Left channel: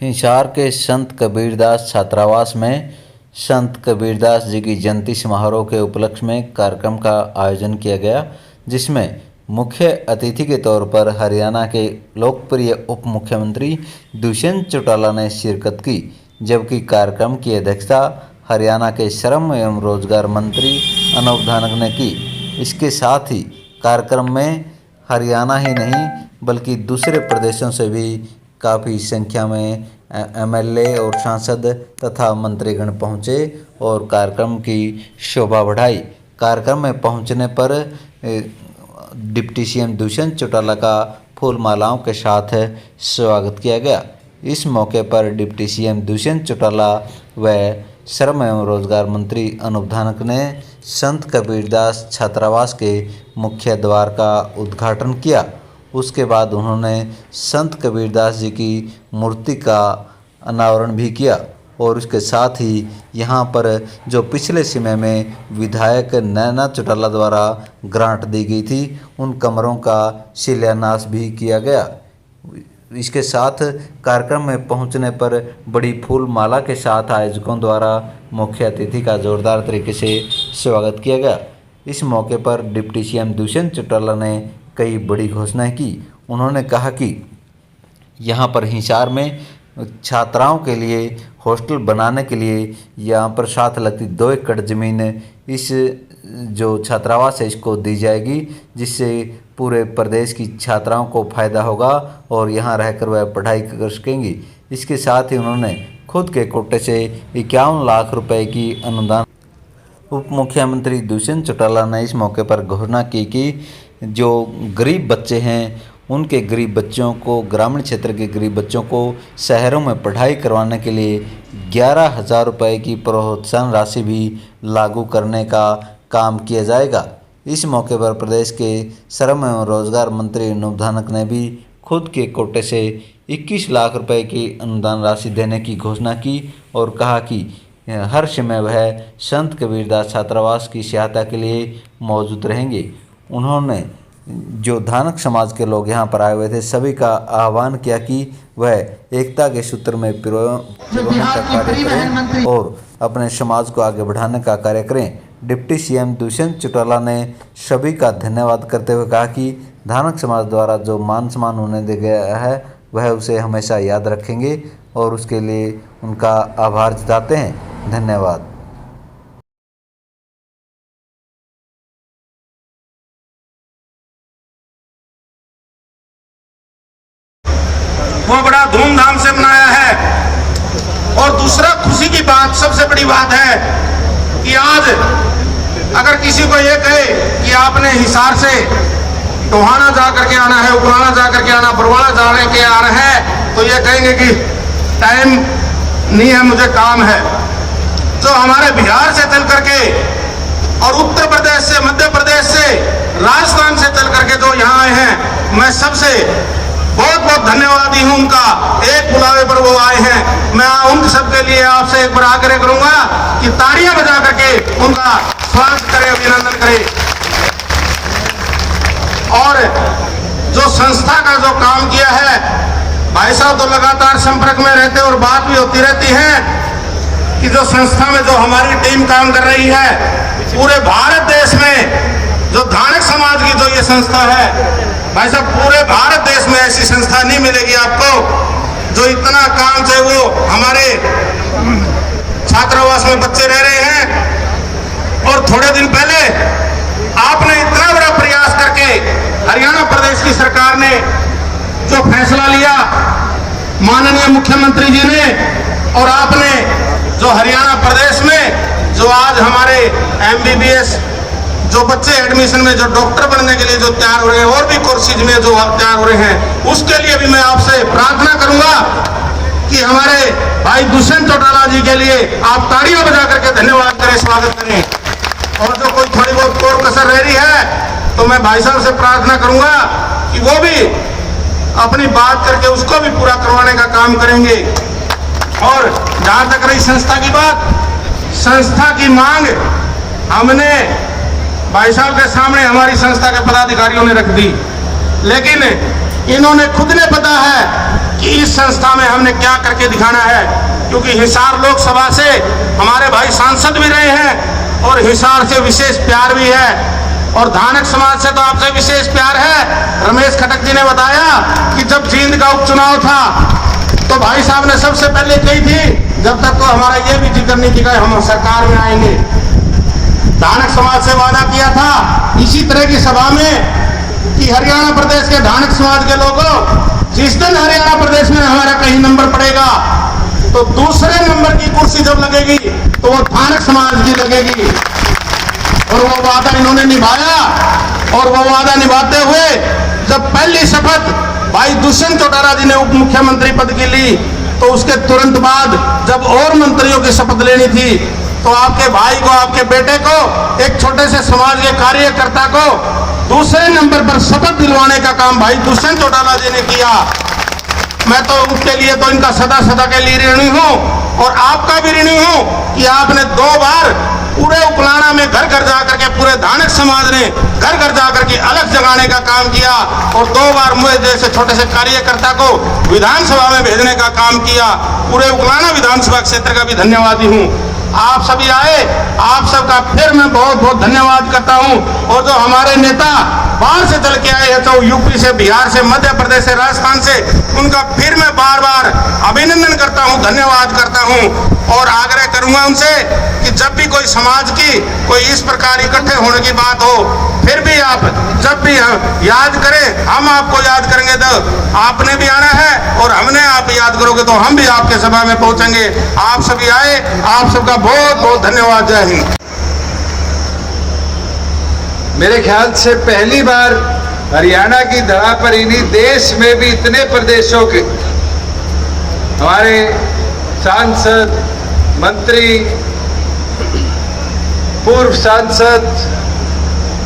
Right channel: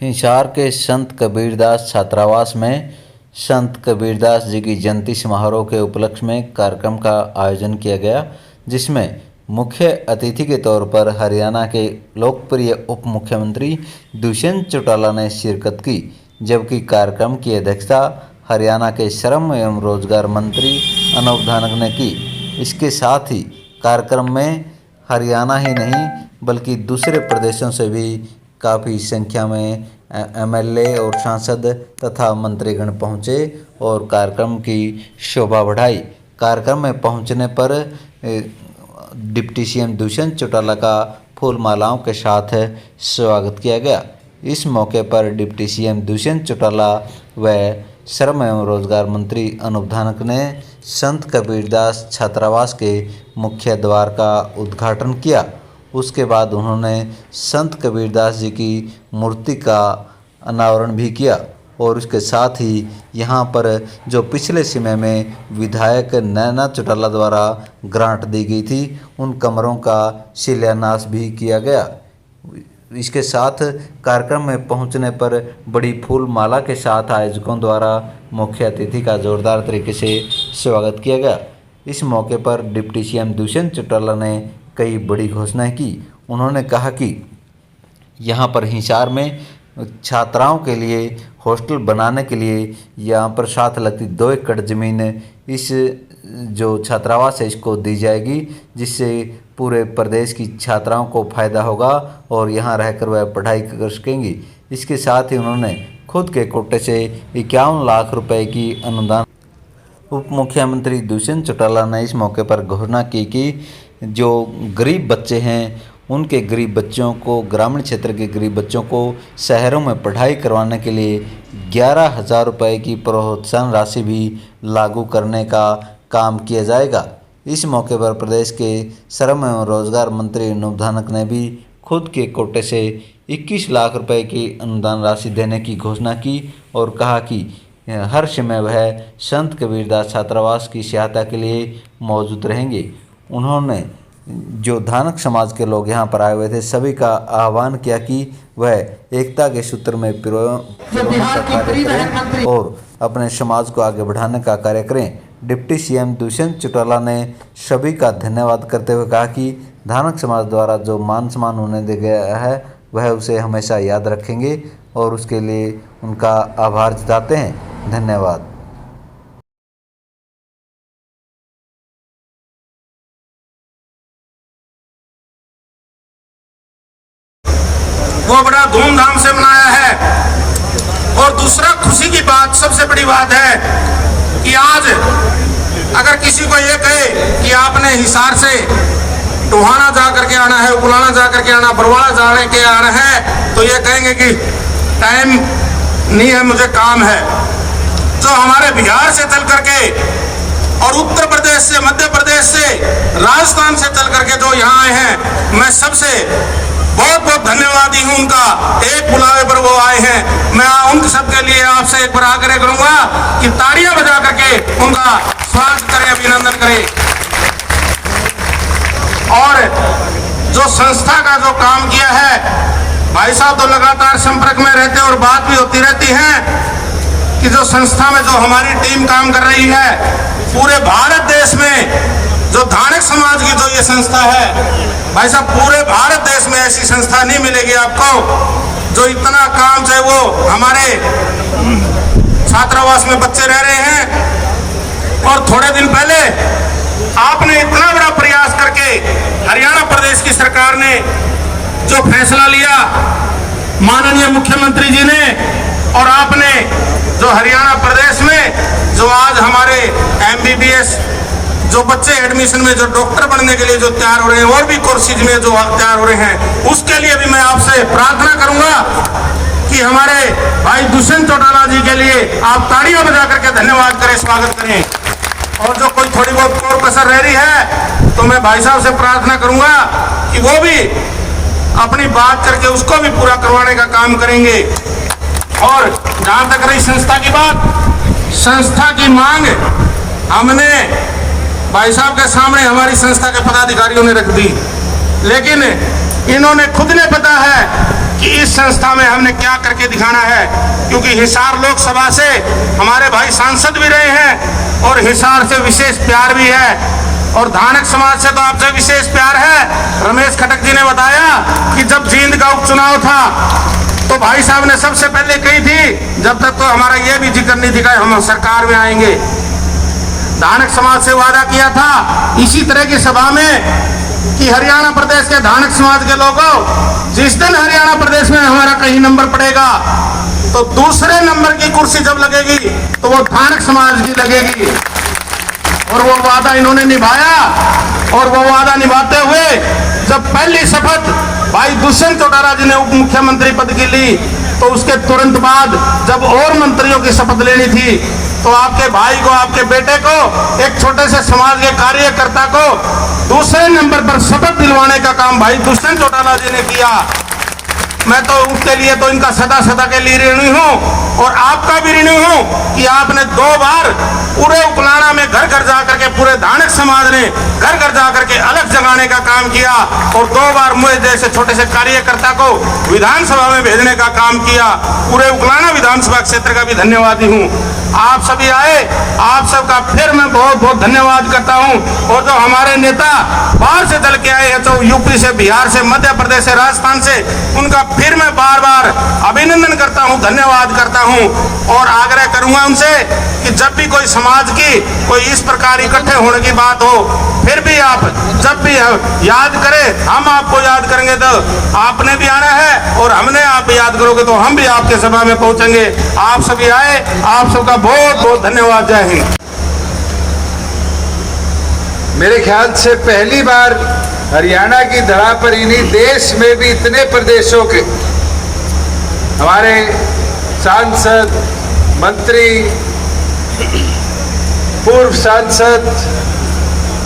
हिसार के संत कबीरदास छात्रावास में संत कबीरदास जी की जयंती समारोह के उपलक्ष्य में कार्यक्रम का आयोजन किया गया, जिसमें मुख्य अतिथि के तौर पर हरियाणा के लोकप्रिय उप मुख्यमंत्री दुष्यंत चौटाला ने शिरकत की, जबकि कार्यक्रम की अध्यक्षता हरियाणा के श्रम एवं रोजगार मंत्री अनूप धानक ने की। इसके साथ ही कार्यक्रम में हरियाणा ही नहीं बल्कि दूसरे प्रदेशों से भी काफ़ी संख्या में एमएलए और सांसद तथा मंत्रीगण पहुंचे और कार्यक्रम की शोभा बढ़ाई। कार्यक्रम में पहुंचने पर डिप्टी सीएम दुष्यंत चौटाला का फूल मालाओं के साथ स्वागत किया गया। इस मौके पर डिप्टी सीएम दुष्यंत चौटाला व श्रम एवं रोजगार मंत्री अनूप धानक ने संत कबीरदास छात्रावास के मुख्य द्वार का उद्घाटन किया। उसके बाद उन्होंने संत कबीरदास जी की मूर्ति का अनावरण भी किया और उसके साथ ही यहाँ पर जो पिछले समय में विधायक नैना चौटाला द्वारा ग्रांट दी गई थी, उन कमरों का शिलान्यास भी किया गया। इसके साथ कार्यक्रम में पहुंचने पर बड़ी फूल माला के साथ आयोजकों द्वारा मुख्य अतिथि का जोरदार तरीके से स्वागत किया गया। इस मौके पर डिप्टी सीएम दुष्यंत चौटाला ने कई बड़ी घोषणाएं की। उन्होंने कहा कि यहाँ पर हिसार में छात्राओं के लिए हॉस्टल बनाने के लिए यहाँ पर साथ लगती 2 एकड़ ज़मीन इस जो छात्रावास है इसको दी जाएगी, जिससे पूरे प्रदेश की छात्राओं को फ़ायदा होगा और यहाँ रहकर वह पढ़ाई कर सकेंगी। इसके साथ ही उन्होंने खुद के कोटे से 51 लाख रुपए की अनुदान उप मुख्यमंत्री दुष्यंत चौटाला ने इस मौके पर घोषणा की कि जो गरीब बच्चे हैं उनके गरीब बच्चों को, ग्रामीण क्षेत्र के गरीब बच्चों को शहरों में पढ़ाई करवाने के लिए 11,000 रुपये की प्रोत्साहन राशि भी लागू करने का काम किया जाएगा। इस मौके पर प्रदेश के श्रम एवं रोजगार मंत्री अनूप धानक ने भी खुद के कोटे से 21 लाख रुपए की अनुदान राशि देने की घोषणा की और कहा कि हर समय वह संत कबीरदास छात्रावास की सहायता के लिए मौजूद रहेंगे। उन्होंने जो धानक समाज के लोग यहाँ पर आए हुए थे सभी का आह्वान किया कि वह एकता के सूत्र में पिरोने का कार्य करें और अपने समाज को आगे बढ़ाने का कार्य करें। डिप्टी सीएम दुष्यंत चौटाला ने सभी का धन्यवाद करते हुए कहा कि धानक समाज द्वारा जो मान सम्मान उन्हें दिया गया है वह उसे हमेशा याद रखेंगे और उसके लिए उनका आभार जताते हैं। धन्यवाद। वो बड़ा धूमधाम से मनाया है। और दूसरा खुशी की बात, सबसे बड़ी बात है कि आज अगर किसी को ये कहे कि आपने हिसार से टोहाना जा करके आना है, उपराना जा करके आना, बरवाड़ा जाने के आना है, तो ये कहेंगे कि टाइम नहीं है, मुझे काम है। जो हमारे बिहार से चल करके और उत्तर प्रदेश से, मध्य प्रदेश से, राजस्थान से चल करके जो यहाँ आए हैं, मैं सबसे बहुत बहुत धन्यवादी हूं उनका। एक बुलावे पर वो आए हैं। मैं उन सबके लिए आपसे एक बार आग्रह करूंगा कि तालियां बजा करके उनका स्वागत करें, अभिनंदन करें। और जो संस्था का जो काम किया है, भाई साहब तो लगातार संपर्क में रहते और बात भी होती रहती है कि जो संस्था में जो हमारी टीम काम कर रही है, पूरे भारत देश में जो धानक समाज की जो ये संस्था है, भाई साहब पूरे भारत देश में ऐसी संस्था नहीं मिलेगी आपको जो इतना काम, चाहे वो हमारे छात्रावास में बच्चे रह रहे हैं। और थोड़े दिन पहले आपने इतना बड़ा प्रयास करके हरियाणा प्रदेश की सरकार ने जो फैसला लिया, माननीय मुख्यमंत्री जी ने, और आपने जो हरियाणा प्रदेश में जो आज हमारे MBBS जो बच्चे एडमिशन में जो डॉक्टर बनने के लिए जो तैयार हो रहे हैं और भी कोर्सेज में जो तैयार हो रहे हैं, उसके लिए भी मैं आपसे प्रार्थना करूंगा कि हमारे भाई दुष्यंत चौटाला जी के लिए आप तालियां बजा करके धन्यवाद करें, स्वागत करें। और जो कोई थोड़ी बहुत और कसर रह रही है तो मैं भाई साहब से प्रार्थना करूंगा कि वो भी अपनी बात करके उसको भी पूरा करवाने का काम करेंगे। और जहां तक रही संस्था की बात, संस्था की मांग हमने भाई साहब के सामने हमारी संस्था के पदाधिकारियों ने रख दी, लेकिन इन्होंने खुद ने पता है कि इस संस्था में हमने क्या करके दिखाना है, क्योंकि हिसार लोकसभा से हमारे भाई सांसद भी रहे हैं और हिसार से विशेष प्यार भी है, और धानक समाज से तो आपसे विशेष प्यार है। रमेश खटक जी ने बताया कि जब जींद का उपचुनाव था तो भाई साहब ने सबसे पहले कही थी, जब तक तो हमारा ये भी जिक्र नहीं दिखाया हम सरकार में आएंगे। धानक समाज से वादा किया था इसी तरह की सभा में कि हरियाणा प्रदेश के धानक समाज के लोगों, जिस दिन हरियाणा प्रदेश में हमारा कहीं नंबर पड़ेगा तो दूसरे नंबर की कुर्सी जब लगेगी तो वो धानक समाज की लगेगी। और वो वादा इन्होंने निभाया, और वो वादा निभाते हुए जब पहली शपथ भाई दुष्यंत चौटाला जी ने उप मुख्यमंत्री पद की ली, तो उसके तुरंत बाद जब और मंत्रियों की शपथ लेनी थी तो आपके भाई को, आपके बेटे को, एक छोटे से समाज के कार्यकर्ता को दूसरे नंबर पर शपथ दिलवाने का काम भाई दुष्यंत चौटाला जी ने किया। मैं तो उसके लिए तो इनका सदा सदा के लिए ऋणी हूं, और आपका भी ऋणी हूं कि आपने 2 बार पूरे उपलाना में घर घर जाकर के, पूरे धानक समाज ने घर घर जाकर के अलग जगाने का काम किया, और 2 बार मुझे जैसे छोटे से कार्यकर्ता को विधानसभा में भेजने का काम किया। पूरे उपलाना विधानसभा क्षेत्र का भी धन्यवादी हूँ। आप सभी आए, आप सबका फिर मैं बहुत बहुत धन्यवाद करता हूं। और जो हमारे नेता बाहर से चल के आए हैं, तो यूपी से, बिहार से, मध्य प्रदेश से, राजस्थान से, उनका फिर मैं बार बार अभिनंदन करता हूं, धन्यवाद करता हूं। और आग्रह करूंगा उनसे कि जब भी कोई समाज की कोई इस प्रकार इकट्ठे होने की बात हो, फिर भी आप जब भी याद करें, हम आपको याद करेंगे। तो आपने भी आना है और हमने आप याद करोगे तो हम भी आपके सभा में पहुंचेंगे। आप सभी आए, आप सबका बहुत बहुत धन्यवाद। जय हिंद। मेरे ख्याल से पहली बार हरियाणा की धरा पर ही नहीं, देश में भी इतने प्रदेशों के हमारे सांसद, मंत्री, पूर्व सांसद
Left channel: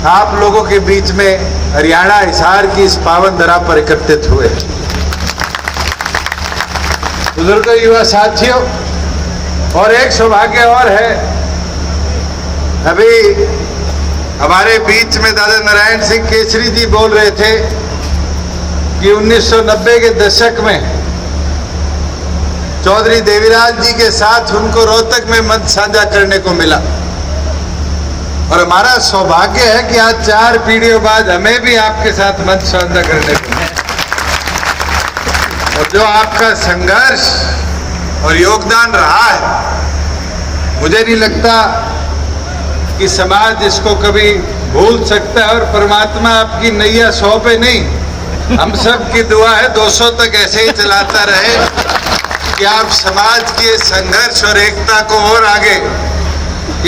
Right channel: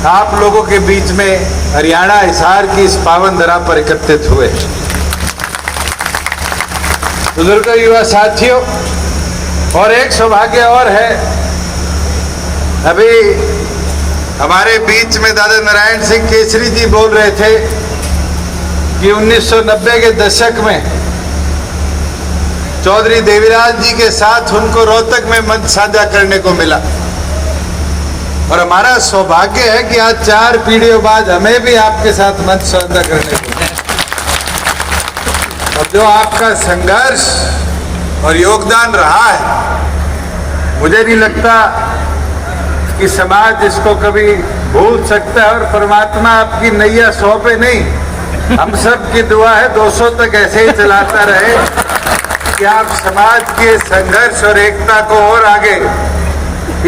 आप लोगों के बीच में हरियाणा हिसार की इस पावन धरा पर एकत्रित हुए। बुजुर्गों, युवा साथियों, और एक सौभाग्य और है, अभी हमारे बीच में दादा नारायण सिंह केसरी जी बोल रहे थे कि 1990 के दशक में चौधरी देवीराज जी के साथ उनको रोहतक में मंच साझा करने को मिला, और हमारा सौभाग्य है कि आज 4 पीढ़ियों बाद हमें भी आपके साथ मंच साझा करने को मिला। और जो आपका संघर्ष और योगदान रहा है, मुझे नहीं लगता कि समाज इसको कभी भूल सकता है। और परमात्मा आपकी नैया 100 पे नहीं, हम सब की दुआ है 200 तक ऐसे ही चलाता रहे कि आप समाज के संघर्ष और एकता को और आगे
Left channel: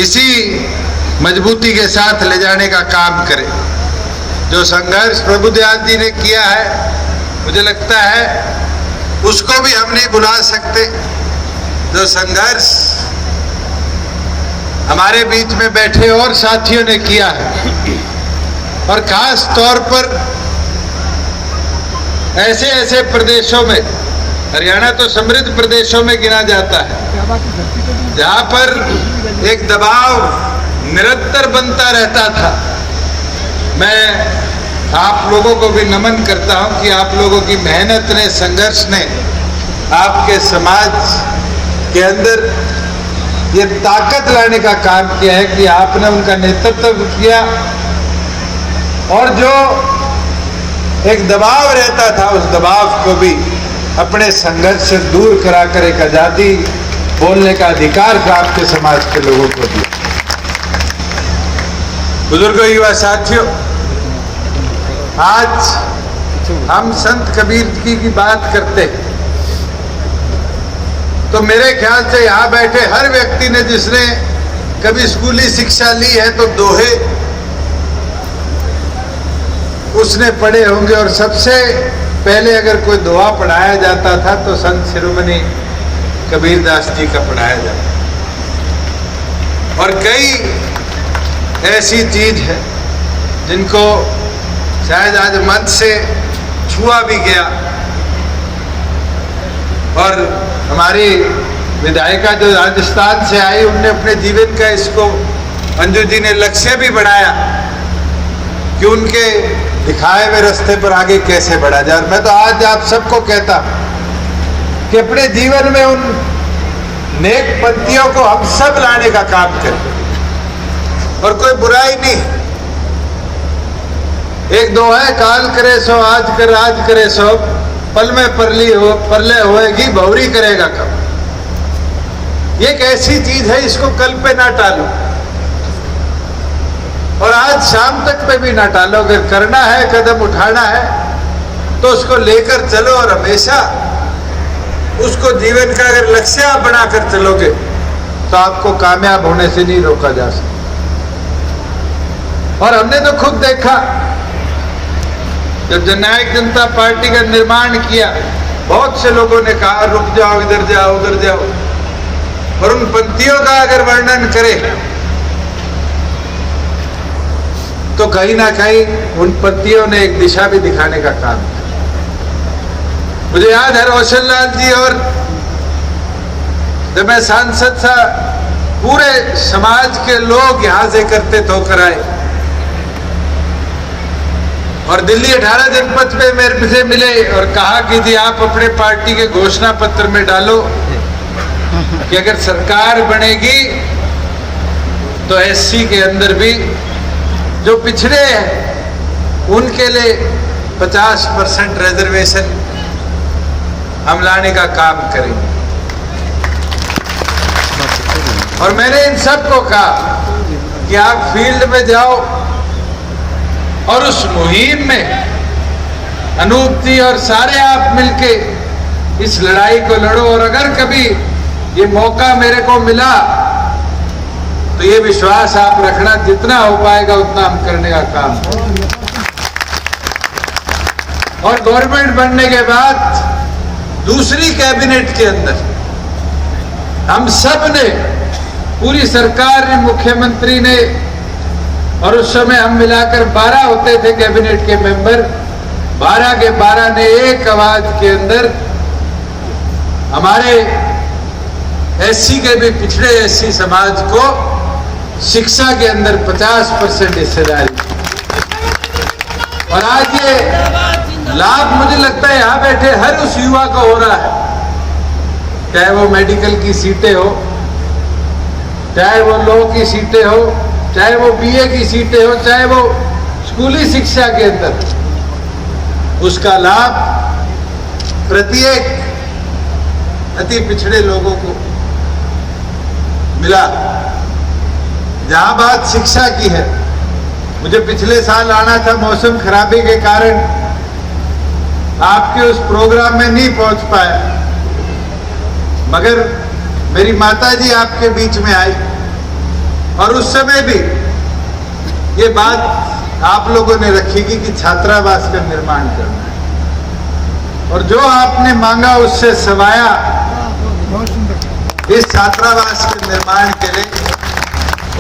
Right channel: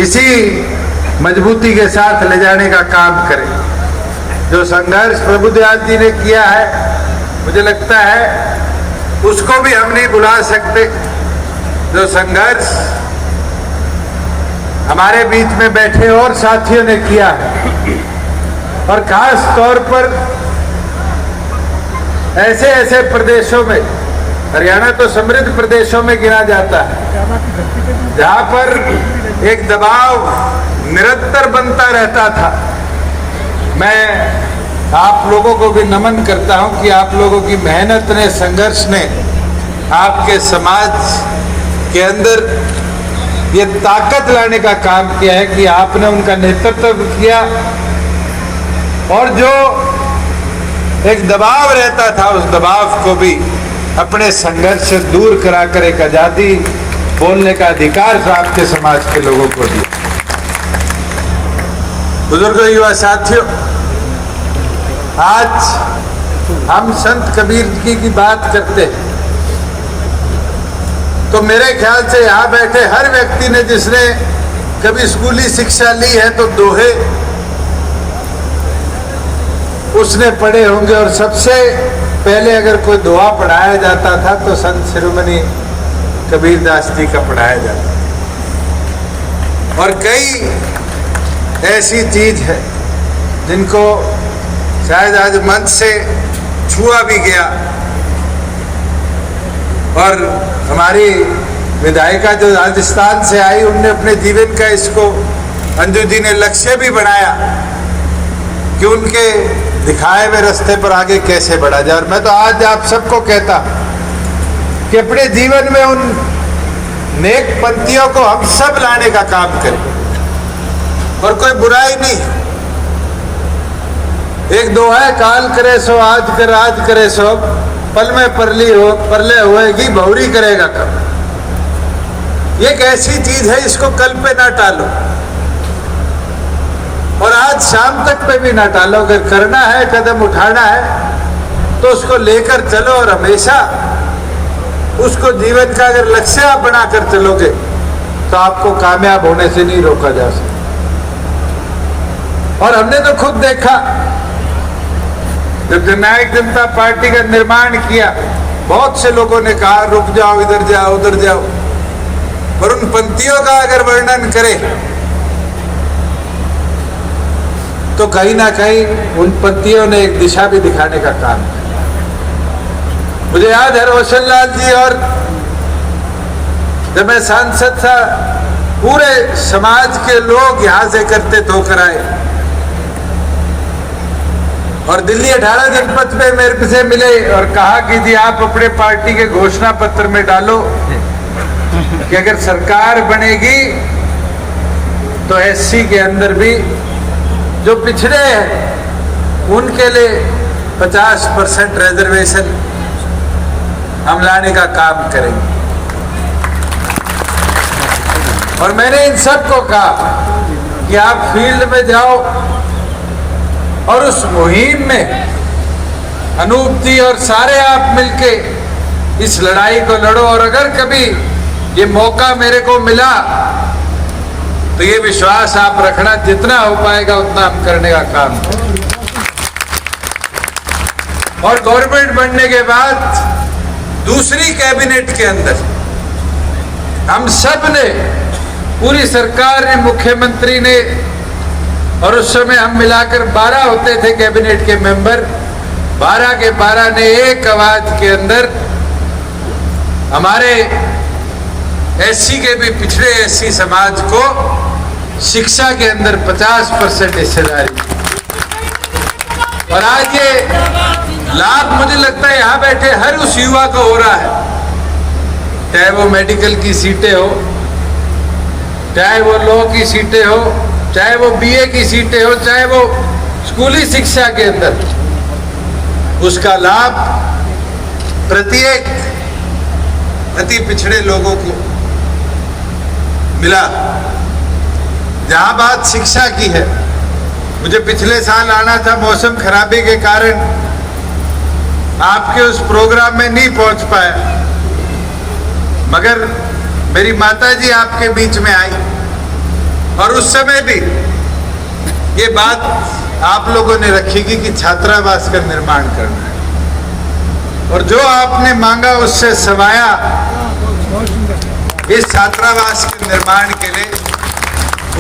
इसी मजबूती के साथ ले जाने का काम करें। जो संघर्ष प्रभुदयाल जी ने किया है, मुझे लगता है उसको भी हम नहीं भुला सकते। जो संघर्ष हमारे बीच में बैठे और साथियों ने किया है, और खास तौर पर ऐसे ऐसे प्रदेशों में, हरियाणा तो समृद्ध प्रदेशों में गिना जाता है, जहां पर एक दबाव निरंतर बनता रहता था। मैं आप लोगों को भी नमन करता हूं कि आप लोगों की मेहनत ने, संघर्ष ने आपके समाज के अंदर ये ताकत लाने का काम किया है कि आपने उनका नेतृत्व किया, और जो एक दबाव रहता था उस दबाव को भी अपने संघर्ष से दूर कराकर एक आजादी बोलने का अधिकार प्राप्त समाज के लोगों को दिया। बुजुर्गों, युवा साथियों, आज हम संत कबीर की बात करते हैं, तो मेरे ख्याल से यहाँ बैठे हर व्यक्ति ने जिसने कभी स्कूली शिक्षा ली है तो दोहे उसने पढ़े होंगे। और सबसे पहले अगर कोई दोहा पढ़ाया जाता था तो संत शिरोमणि कबीरदास जी का पढ़ाया जाता। और कई ऐसी चीज है जिनको शायद आज मंच से छुआ भी गया, और हमारी विधायिका जो राजस्थान से आई, उनने अपने जीवन का इसको, अंजू जी ने लक्ष्य भी बनाया कि उनके दिखाए हुए रास्ते पर आगे कैसे बढ़ा जाए। और मैं तो आज आप सबको कहता कि अपने जीवन में उन नेक पंक्तियों को हम सब लाने का काम करें। और कोई बुराई नहीं, एक दो है, काल करे सो आज कर, आज करे सो पल में परले होएगी, बहुरी करेगा कब। ये एक ऐसी चीज है, इसको कल पे ना टालो और आज शाम तक पे भी ना टालो। अगर करना है, कदम उठाना है तो उसको लेकर चलो और हमेशा उसको जीवन का अगर लक्ष्य आप बनाकर चलोगे तो आपको कामयाब होने से नहीं रोका जा सकता। और हमने तो खुद देखा, जब जननायक जनता पार्टी का निर्माण किया, बहुत से लोगों ने कहा रुक जाओ, इधर जाओ, उधर जाओ, और उन पंक्तियों का अगर वर्णन करें तो कहीं ना कहीं उन पंक्तियों ने एक दिशा भी दिखाने का काम किया। मुझे याद है रोशन लाल जी, और जब मैं सांसद था, पूरे समाज के लोग यहां से एकत्रित होकर आए और दिल्ली 18 जनपद में मेरे से मिले और कहा कि जी आप अपने पार्टी के घोषणा पत्र में डालो कि अगर सरकार बनेगी तो एससी के अंदर भी जो पिछड़े हैं उनके लिए 50% रिजर्वेशन हम लाने का काम करेंगे। और मैंने इन सबको कहा कि आप फील्ड में जाओ और उस मुहिम में अनूप जी और सारे आप मिलके इस लड़ाई को लड़ो। और अगर कभी ये मौका मेरे को मिला तो ये विश्वास आप रखना, जितना हो पाएगा उतना हम करने का काम करेंगे। और गवर्नमेंट बनने के बाद दूसरी कैबिनेट के अंदर हम सब ने, पूरी सरकार ने, मुख्यमंत्री ने, और उस समय हम मिलाकर 12 होते थे कैबिनेट के मेंबर, 12 के 12 ने एक आवाज के अंदर हमारे एससी के भी पिछड़े एससी समाज को शिक्षा के अंदर 50% हिस्सेदारी। और आज ये लाभ मुझे लगता है यहां बैठे हर उस युवा को हो रहा है, चाहे वो मेडिकल की सीटें हो, चाहे वो लॉ की सीटें हो, चाहे वो बीए की सीटें हो, चाहे वो स्कूली शिक्षा के अंदर, उसका लाभ प्रत्येक अति पिछड़े लोगों को मिला। जहां बात शिक्षा की है, मुझे पिछले साल आना था, मौसम खराबी के कारण आपके उस प्रोग्राम में नहीं पहुंच पाया, मगर मेरी माताजी आपके बीच में आई और उस समय भी ये बात आप लोगों ने रखी कि छात्रावास का निर्माण करना है। और जो आपने मांगा उससे सवाया इस छात्रावास के निर्माण के लिए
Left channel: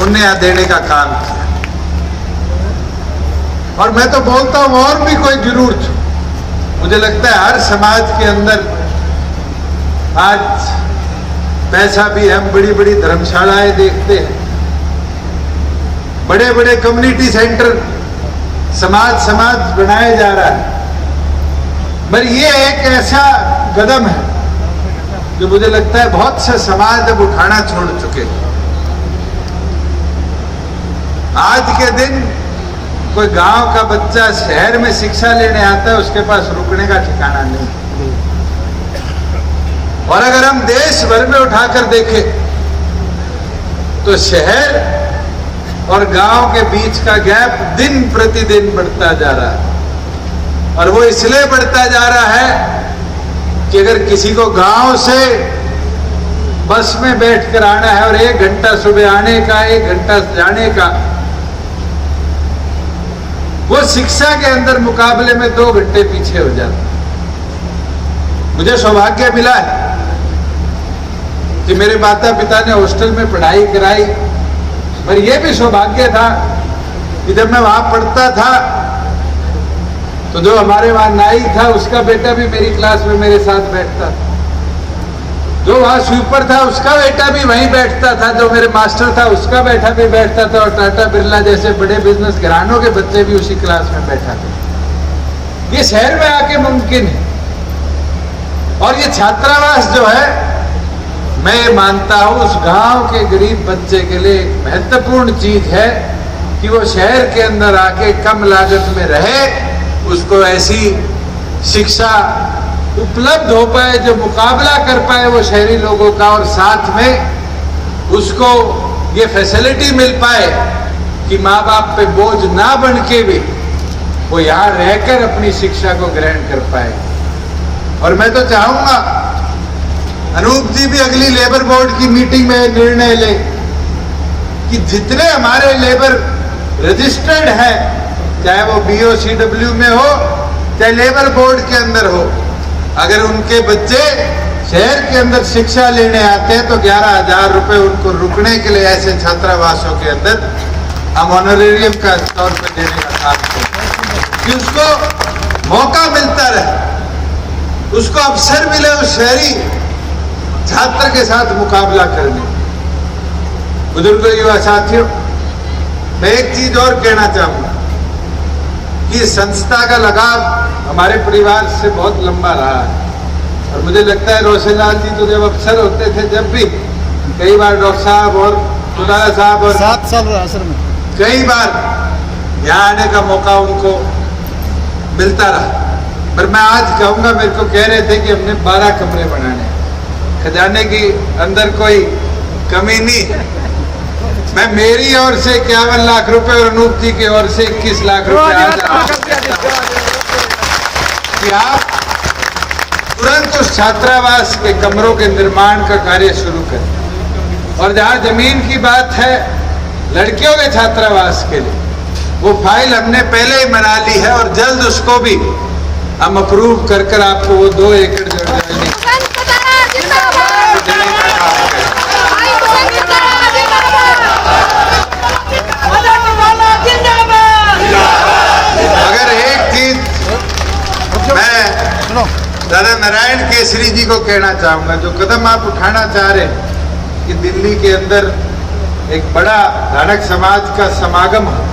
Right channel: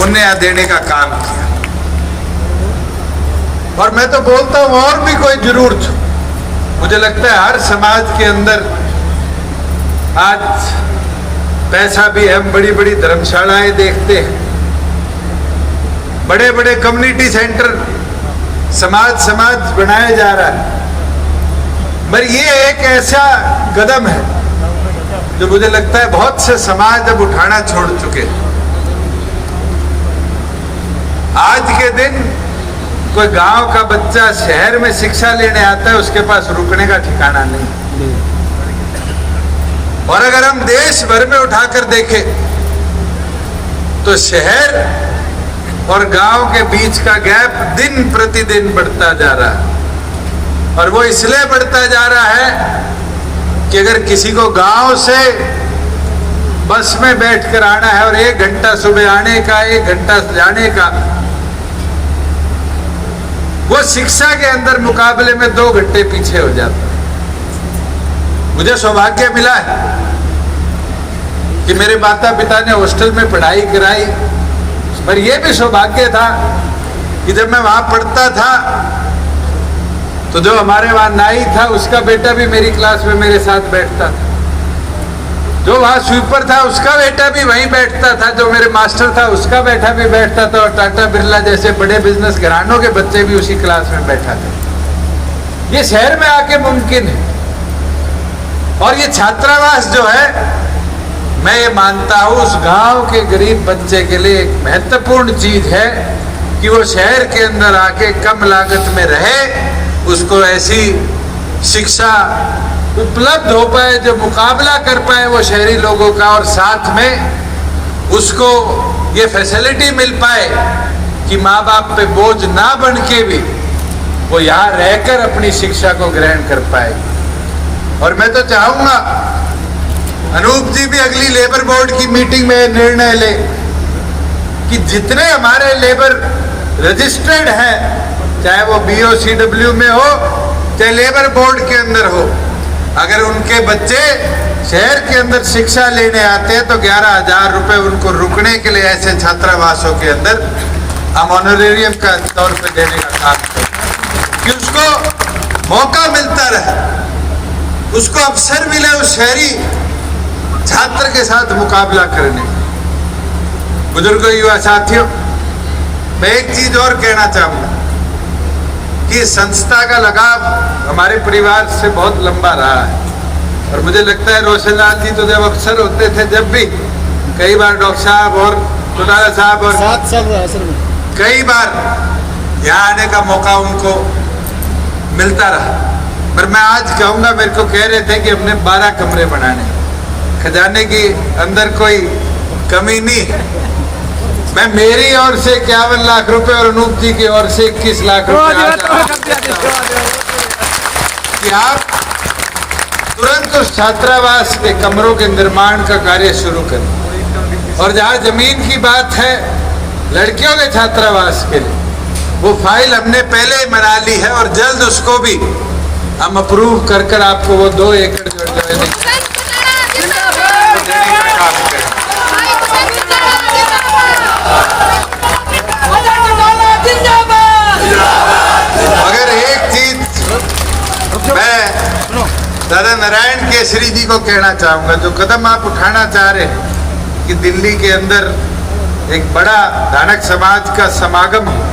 उन्हें देने का काम किया। और मैं तो बोलता हूं और भी कोई जरूरत, मुझे लगता है हर समाज के अंदर आज पैसा भी, हम बड़ी बड़ी धर्मशालाएं देखते हैं, बड़े बड़े कम्युनिटी सेंटर समाज बनाया जा रहा है, मगर ये एक ऐसा कदम है जो मुझे लगता है बहुत से समाज अब उठाना छोड़ चुके हैं। आज के दिन कोई गांव का बच्चा शहर में शिक्षा लेने आता है, उसके पास रुकने का ठिकाना नहीं। और अगर हम देश भर में उठाकर देखें तो शहर और गांव के बीच का गैप दिन प्रतिदिन बढ़ता जा रहा है। और वो इसलिए बढ़ता जा रहा है कि अगर किसी को गांव से बस में बैठकर आना है और 1 घंटा सुबह आने का, 1 घंटा जाने का, वो शिक्षा के अंदर मुकाबले में 2 घंटे पीछे हो जाता। मुझे सौभाग्य मिला है कि मेरे माता पिता ने हॉस्टल में पढ़ाई कराई, पर यह भी सौभाग्य था कि जब मैं वहां पढ़ता था तो जो हमारे वहां नाई था उसका बेटा भी मेरी क्लास में मेरे साथ बैठता था, जो वहां स्वीपर था उसका बेटा भी वहीं बैठता था, जो मेरे मास्टर था उसका बेटा भी बैठता था, और टाटा बिरला जैसे बड़े बिजनेस घरानों के बच्चे भी उसी क्लास में बैठा थे। ये शहर में आके मुमकिन है। और ये छात्रावास जो है, मैं ये मानता हूं उस गांव के गरीब बच्चे के लिए एक महत्वपूर्ण चीज है कि वो शहर के अंदर आके कम लागत में रहे, उसको ऐसी शिक्षा उपलब्ध हो पाए जो मुकाबला कर पाए वो शहरी लोगों का, और साथ में उसको ये फैसिलिटी मिल पाए कि माँ बाप पे बोझ ना बन के भी वो यहाँ रहकर अपनी शिक्षा को ग्रहण कर पाए। और मैं तो चाहूंगा अनूप जी भी अगली लेबर बोर्ड की मीटिंग में निर्णय ले कि जितने हमारे लेबर रजिस्टर्ड है, चाहे वो BOCW में हो चाहे लेबर बोर्ड के अंदर हो, अगर उनके बच्चे शहर के अंदर शिक्षा लेने आते हैं तो 11,000 रुपए उनको रुकने के लिए ऐसे छात्रावासों के अंदर हम ऑनरेरियम का तौर पर देने का काम करें कि उसको मौका मिलता रहे, उसको अवसर मिले उस शहरी छात्र के साथ मुकाबला करने। बुजुर्गों, युवा साथियों, मैं एक चीज और कहना चाहूंगा कि संस्था का लगाव हमारे परिवार से बहुत लंबा रहा है, और मुझे लगता है रोशनलाल जी तो जब अफसर होते थे, जब भी कई बार डॉक्टर साहब और खुदारा साहब और 7 साल असल में कई बार यहाँ आने का मौका उनको मिलता रहा। पर मैं आज कहूँगा, मेरे को कह रहे थे कि हमने 12 कमरे बनाने, खजाने की अंदर कोई कमी नहीं। मैं मेरी ओर से 51 लाख रुपए और अनूप जी की ओर से 21 लाख रुपए कि आप तुरंत उस छात्रावास के कमरों के निर्माण का कार्य शुरू करें। और जहाँ जमीन की बात है, लड़कियों के छात्रावास के लिए वो फाइल हमने पहले ही बना ली है, और जल्द उसको भी हम अप्रूव कर आपको वो 2 एकड़ जो जमीन दादा नारायण केसरी जी को कहना चाहूंगा, जो कदम आप उठाना चाह रहे हैं कि दिल्ली के अंदर एक बड़ा धानक समाज का समागम हो,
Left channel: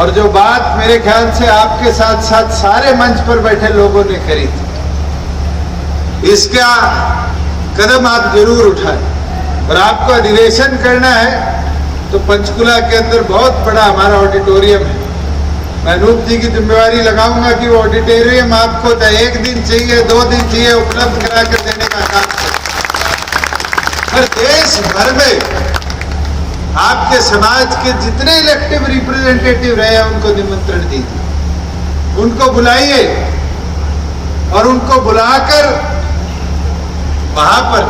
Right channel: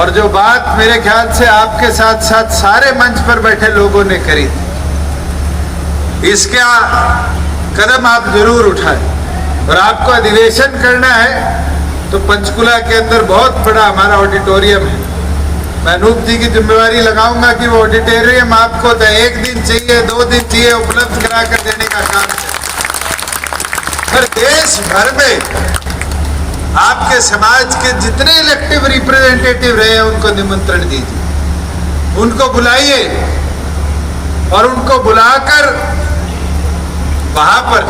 और जो बात मेरे ख्याल से आपके साथ साथ सारे मंच पर बैठे लोगों ने करी, इसका कदम आप जरूर उठाएं। और आपको अधिवेशन करना है तो पंचकुला के अंदर बहुत बड़ा हमारा ऑडिटोरियम है। मैं अनूप जी की जिम्मेवारी लगाऊंगा कि वो ऑडिटोरियम आपको 1 दिन चाहिए, 2 दिन चाहिए, उपलब्ध करा कर देने का काम करें। हर देश भर में आपके समाज के जितने इलेक्टिव रिप्रेजेंटेटिव रहे हैं उनको निमंत्रण दीजिए, उनको बुलाइए, और उनको बुलाकर वहां पर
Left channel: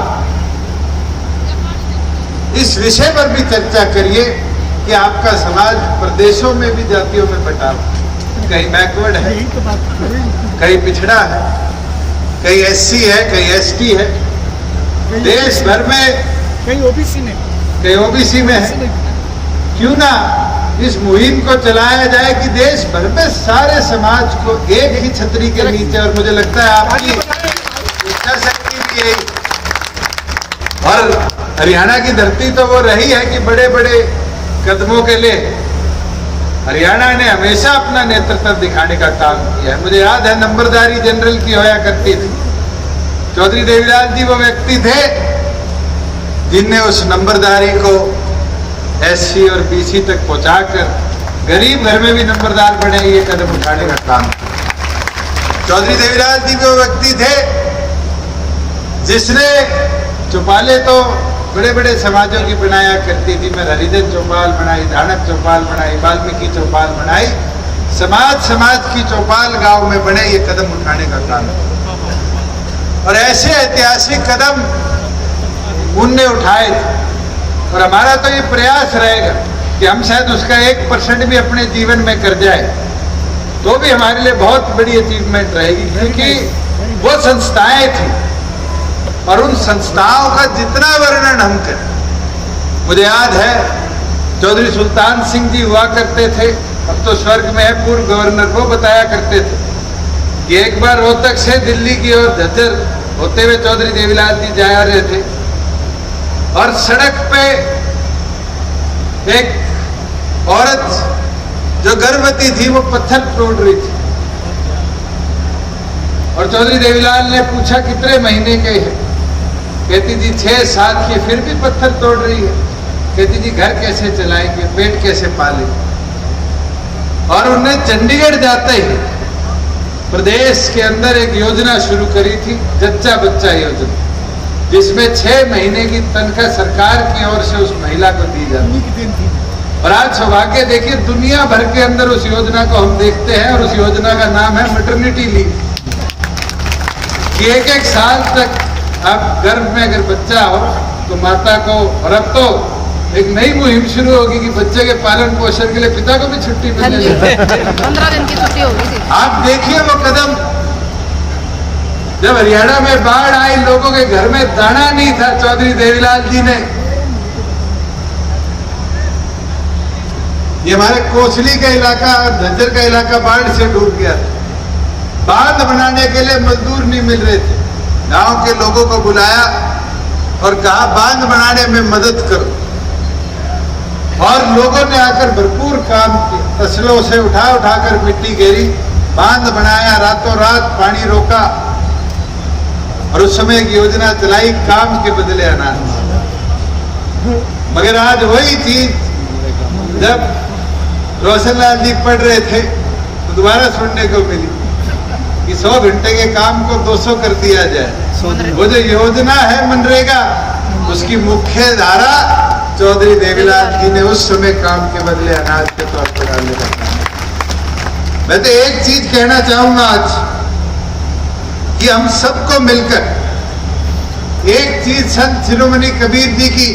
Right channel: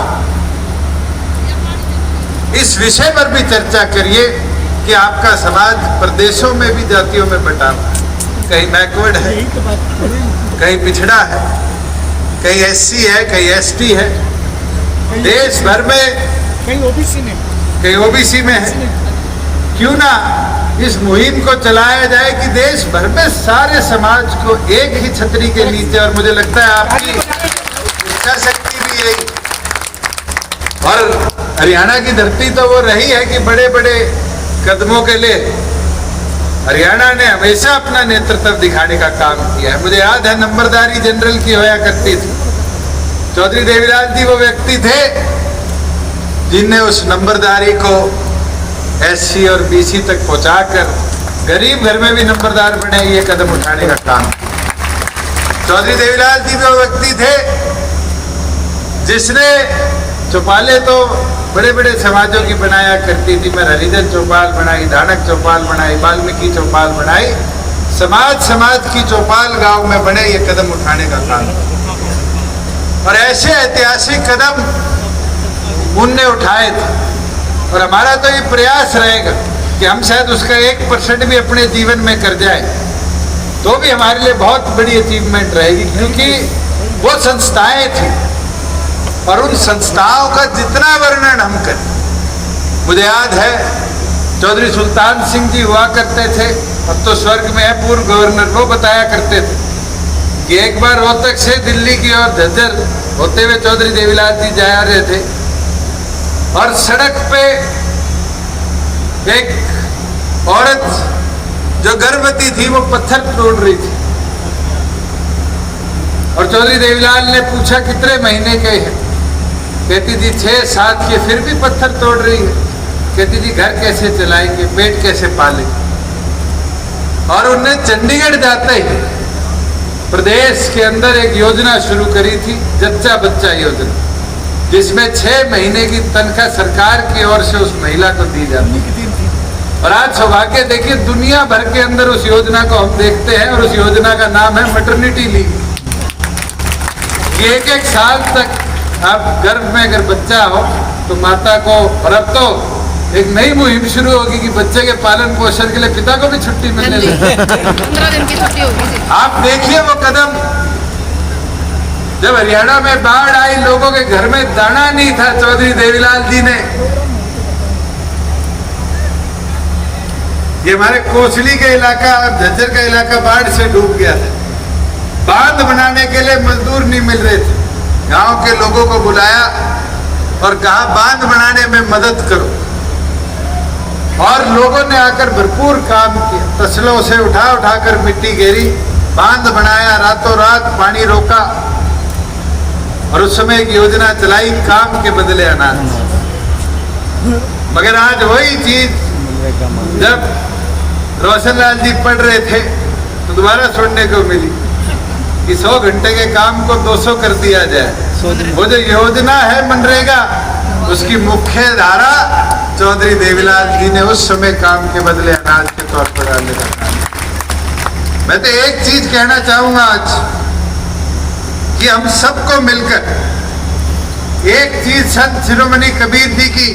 इस विषय पर भी चर्चा करिए कि आपका समाज प्रदेशों में भी जातियों में बटा है, कहीं बैकवर्ड है, कहीं पिछड़ा है, कहीं SC है, कहीं ST है, देश भर में कहीं OBC में, कहीं OBC में है। क्यों ना इस मुहिम को चलाया जाए कि देश भर में सारे समाज को एक ही छतरी के नीचे, और मुझे लगता है आपकी इच्छा शक्ति भी यही, और हरियाणा की धरती तो वो रही है कि बड़े बड़े कदमों के लिए हरियाणा ने हमेशा अपना नेतृत्व दिखाने का काम किया है। मुझे याद है नंबरदारी जनरल की होया करती थी, चौधरी देवीलाल जी वो व्यक्ति थे जिनने उस नंबरदारी को SC और BC तक पहुंचाकर गरीब घर में भी नंबरदार बने, ये कदम उठाने का काम। चौधरी देवीलाल जी वो व्यक्ति थे जिसने चौपाले तो बड़े बड़े समाजों की बनाया करती थी। मैं हरिजन चौपाल बनाई, धानक चौपाल बनाई, वाल्मीकि चौपाल बनाई, समाज की चौपाल गांव में बने, ये कदम उठाने का काम। और ऐसे ऐतिहासिक कदम उनने उठाए थे, और हमारा तो ये प्रयास रहेगा कि हम शायद उसका 1% भी अपने जीवन में कर जाए तो भी हमारे लिए बहुत बड़ी अचीवमेंट रहेगी, क्योंकि वो संस्थाएं थी, और उन संस्थाओं का जितना वर्णन हम करें, मुझे याद है चौधरी सुल्तान सिंह जी हुआ करते थे, अब तो स्वर्ग में है, पूर्व गवर्नर, वो बताया करते थे कि एक बार रोहतक से दिल्ली की ओर झज्जर होते हुए चौधरी देवीलाल जी जा रहे थे, और सड़क पे एक औरत जो गर्भवती थी वो पत्थर तोड़ रही थी, और चौधरी देवीलाल ने पूछा कितने महीने के हैं? कहती थी 6-7 के, फिर भी पत्थर तोड़ रही है। कहती थी घर कैसे चलाएंगे, पेट कैसे पाले। और उन्हें चंडीगढ़ जाते ही प्रदेश के अंदर एक योजना शुरू करी थी, जच्चा बच्चा योजना, जिसमें 6 महीने की तनख्वाह सरकार की ओर से उस महिला को दी जाती है। और आज सौभाग्य देखिए, दुनिया भर के अंदर उस योजना को हम देखते हैं, और उस योजना का नाम है मैटरनिटी लीव। ये 1-1 साल तक आप गर्भ में अगर बच्चा हो तो माता को, और अब तो एक नई मुहिम शुरू होगी कि बच्चे के पालन पोषण के लिए पिता को भी छुट्टी मिलने लगी। 15 दिन की छुट्टी होगी। आप देखिए वो कदम, जब हरियाणा में बाढ़ आई, लोगों के घर में दाना नहीं था, चौधरी देवीलाल जी ने, ये हमारे कोसली का इलाका और झज्जर का इलाका बाढ़ से डूब गया था। बांध बनाने के लिए मजदूर नहीं मिल रहे थे। गांव के लोगों को बुलाया और कहा बांध बनाने में मदद करो, और लोगों ने आकर भरपूर काम किया। तसलों से उठा कर मिट्टी घेरी, बांध बनाया, रातों रात पानी रोका, और उस समय एक योजना चलाई, काम के बदले अनाज। मगर आज वही चीज जब रोशनलाल जी पढ़ रहे थे तो दोबारा सुनने को मिली कि 100 घंटे के काम को 200 कर दिया जाए। वो जो योजना है मनरेगा, उसकी मुख्य धारा चौधरी देवीलाल जी ने उस समय काम के बदले अनाज के तौर पर डालने का काम। मैं तो एक चीज कहना चाहूंगा आज, कि हम सबको मिलकर एक चीज संत शिरोमणि कबीर जी की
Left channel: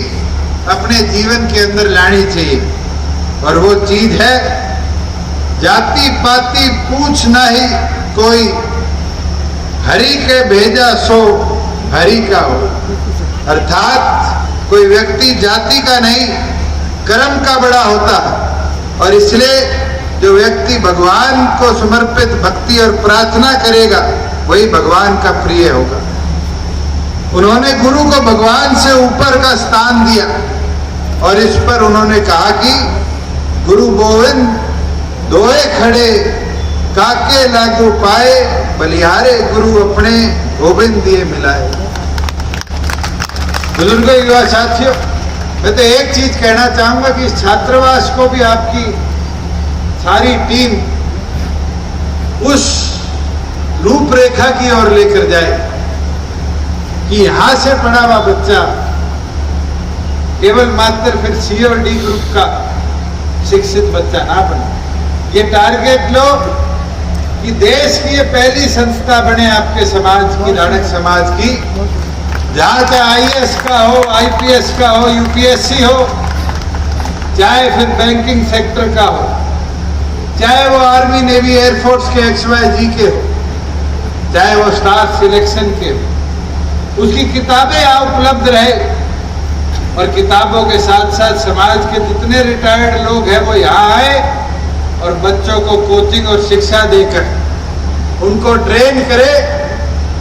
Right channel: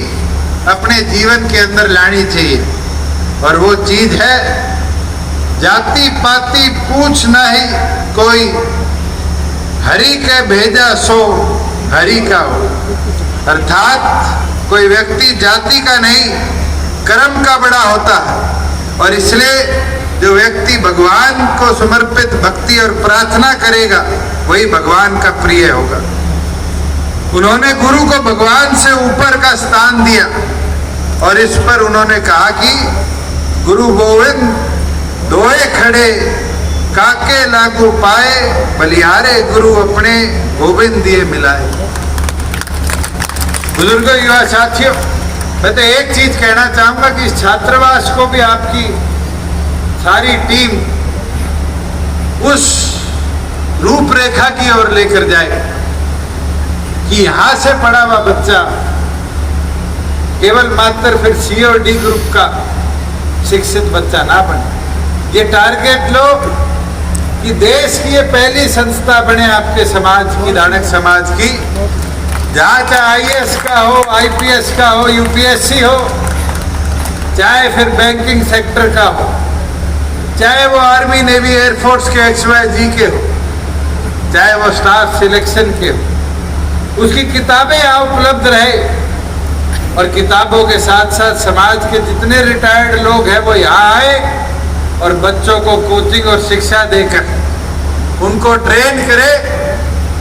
अपने जीवन के अंदर लानी चाहिए, और वो चीज है जाति पाति पूछ नहीं कोई, हरि के भेजा सो हरि का हो। अर्थात कोई व्यक्ति जाति का नहीं, कर्म का बड़ा होता है, और इसलिए जो व्यक्ति भगवान को समर्पित भक्ति और प्रार्थना करेगा वही भगवान का प्रिय होगा। उन्होंने गुरु को भगवान से ऊपर का स्थान दिया, और इस पर उन्होंने कहा कि गुरु गोविंद दोए खड़े काके लागू पाए, बलिहारे गुरु अपने गोविंद दिए मिलाए। बुजुर्गों, युवा साथियों, मैं तो एक चीज कहना चाहूंगा कि इस छात्रावास को भी आपकी सारी टीम उस रूपरेखा की ओर लेकर जाए कि यहां से पढ़ा हुआ बच्चा केवल मात्र फिर सी और डी ग्रुप का शिक्षित बच्चा ना बने। ये टारगेट लो कि देश की ये पहली संस्था बने आपके समाज की, धारक समाज की, जहां चाहे IAS का हो, IPS का हो, UPSC हो, चाहे फिर बैंकिंग सेक्टर का हो, चाहे वो आर्मी नेवी एयरफोर्स के XYZ के हो, चाहे वो स्टाफ सिलेक्शन के हो, उसकी किताबें यहाँ उपलब्ध रहे। और किताबों के साथ साथ समाज के जितने रिटायर्ड लोग हैं वो यहाँ आए और बच्चों को कोचिंग और शिक्षा देकर उनको ट्रेन करे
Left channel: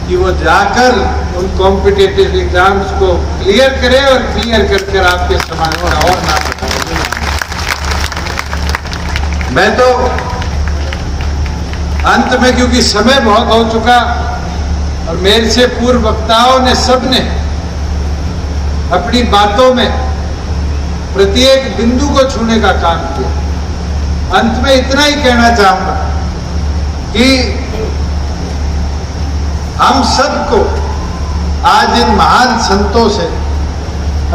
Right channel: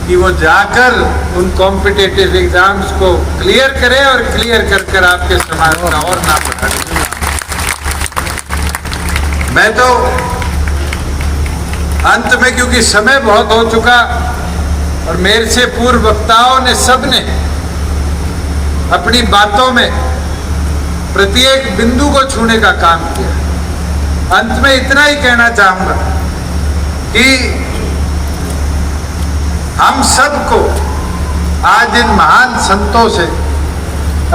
कि वो जाकर उन कॉम्पिटिटिव एग्जाम्स को क्लियर करे, और क्लियर कर आपके समाज का और नाम उठाए। मैं तो अंत में, क्योंकि समय बहुत हो चुका और मेरे से पूर्व वक्ताओं ने सबने अपनी बातों में प्रत्येक बिंदु को छूने का काम किया, अंत में इतना ही कहना चाहूंगा कि हम सबको आज इन महान संतों से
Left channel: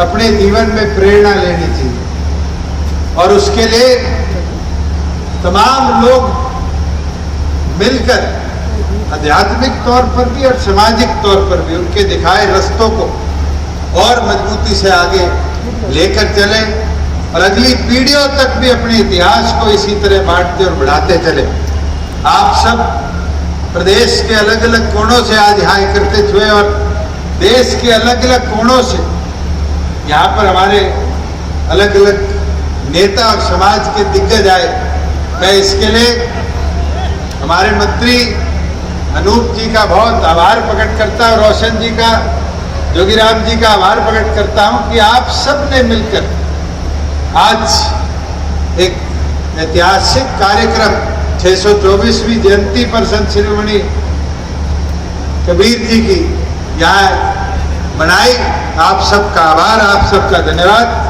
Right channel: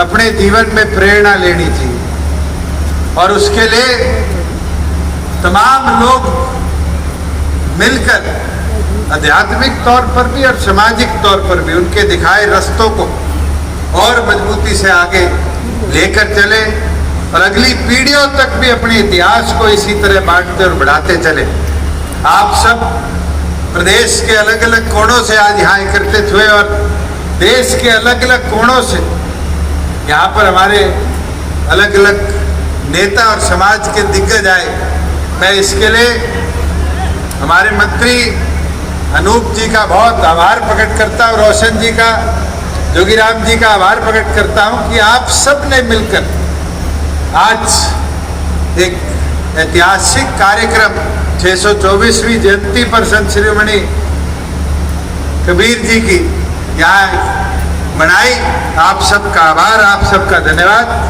अपने जीवन में प्रेरणा लेनी चाहिए, और उसके लिए तमाम लोग मिलकर आध्यात्मिक तौर पर भी और सामाजिक तौर पर भी उनके दिखाए रास्तों को और मजबूती से आगे लेकर चले, और अगली पीढ़ियों तक भी अपने इतिहास को इसी तरह बांटते और बढ़ाते चले। आप सब प्रदेश के अलग अलग कोणों से आज यहाँ एकत्रित हुए, और देश के अलग अलग कोणों से यहाँ पर हमारे अलग अलग नेता और समाज के दिग्गज आए। मैं इसके लिए हमारे मंत्री अनूप जी का बहुत आभार प्रकट करता हूँ, रोशन जी का, जोगीराम जी का आभार प्रकट करता हूँ कि आप सब ने मिलकर आज एक ऐतिहासिक कार्यक्रम 624वीं जयंती पर संत शिरोमणि कबीर जी की यहाँ मनाई। आप सबका आभार, आप सबका धन्यवाद।